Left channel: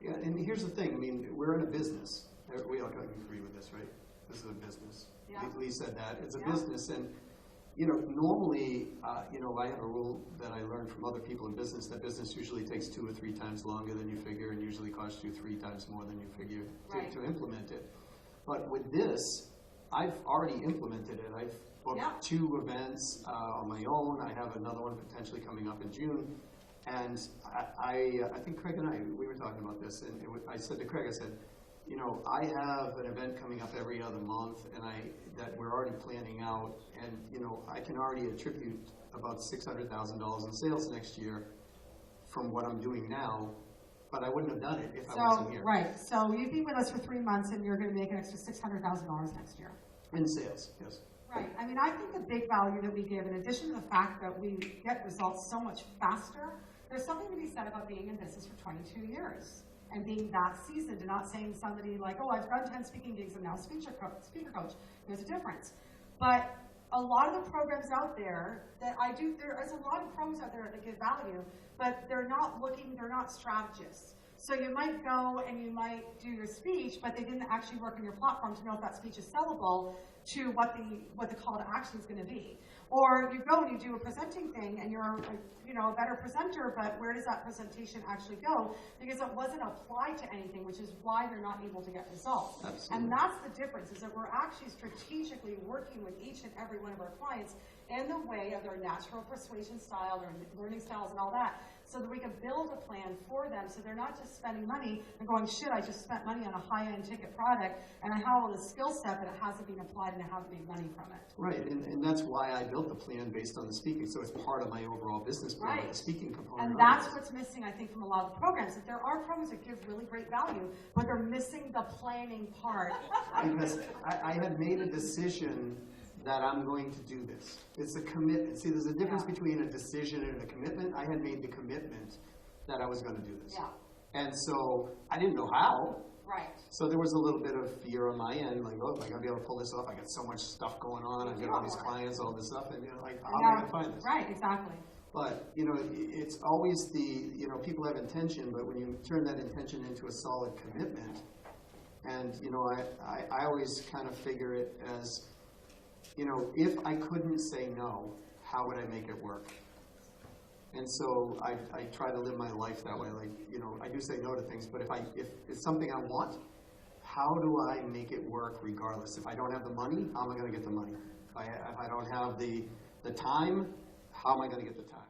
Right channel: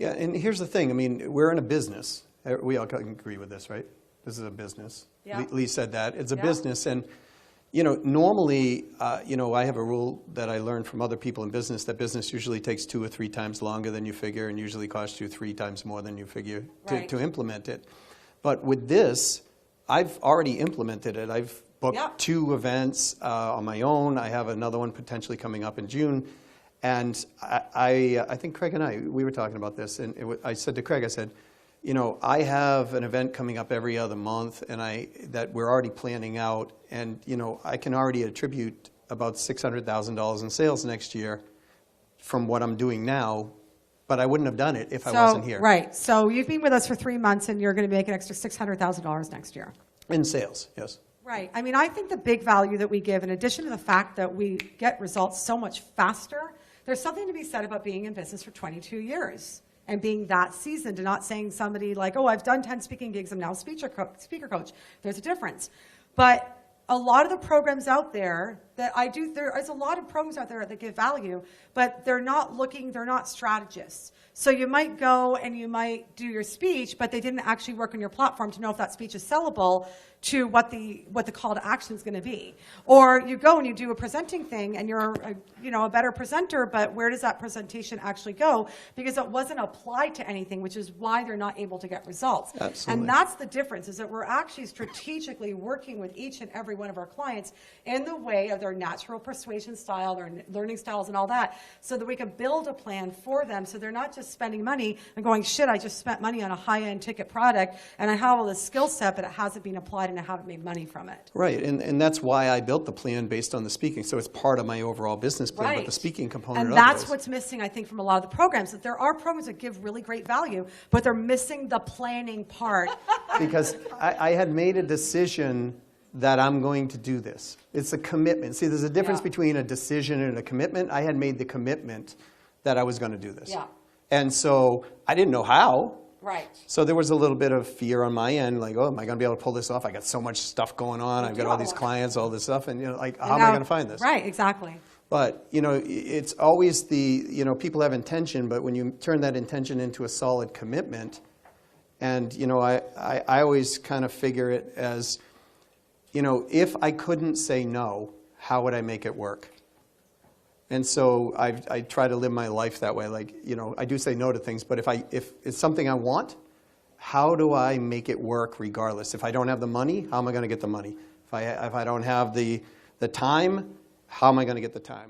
Yeah, and here's the thing. I mean, we're in a business. We all can agree with this, right? This is a business. Yeah. Lee said that. It's a Yeah. business. And, you know, normally, you know, I have a rule that I learned from other people in business that business usually takes 2 or 3 times longer than you figure and usually costs you 3 times more than you figure Right. to implement it. But with this, I've already implemented it. I've booked Yeah. 2 events on my own. I have another one potentially coming up in June. And I think Craig and we were talking about this, and I said to Craig, I said, you know, I have an event coming up every other month, and that we're already planning out, and you know, I can already attribute about $600,000 in sales next year from what I'm doing now, but I wouldn't have done it if I wasn't here. Right. So you've been with us for 3 months, and you're going to make an extra $600,000 next year. In sales, yes. Right. I mean, I think the big value that we give, in addition to the fact that we get results so much faster, there's something to be said about being in business for 22 years and being that seasoned and not saying somebody like, oh, I've done 10 speaking gigs, I'm now a speaker coach. There's a difference. But a lot of the programs out there that I do, there is a lot of programs out there that give value, but they're not strategists. So you might go and you might do your speech, but they didn't actually work on your platform to know if that speech is sellable to what the call to action is going to be. Or you go and you do a presenting thing and you're a better presenter, but where does that presentation actually go? Because it wasn't applied to anything, which is why they're not able to get results. Absolutely. And that's the difference, is that we're actually strategically working with each and every one of our clients in the way of their natural persuasion style, their learning styles and all that, so that we can build a plan for them so they're not just spending money and going, shit, I just spent money on a high-end ticket product and I have all this skill set, but it hasn't been applied and I haven't made money from it. Right, and that's why I built the plan based on the speaking. So it's part of my overall business plan, Right. but the speaking component And of that's it is. what's missing, I think, from a lot of the programs, that there are programs that give really great value, but they're missing the planning part. Because I had made a decision that I'm going to do this. It's a commitment. See, there's a difference Yeah. between a decision and a commitment. I had made the commitment that I was going to do this. Yeah. And so I didn't know how. Right. So there was a little bit of fear on my end, like, oh, am I going to be able to pull this off? I got so much stuff going on. I've got all these clients, all this stuff, and you know, like, how am I going to find this? Right, exactly. But, you know, it's always people have intention, but when you turn that intention into a solid commitment, and, you know, I always kind of figure it as, you know, if I couldn't say no, how would I make it work? And so I try to live my life that way. Like, you know, I do say no to things, but if it's something I want, how do I make it work regardless? If I don't have the money, how am I going to get the money? If I don't have the time, how am I going to get the time?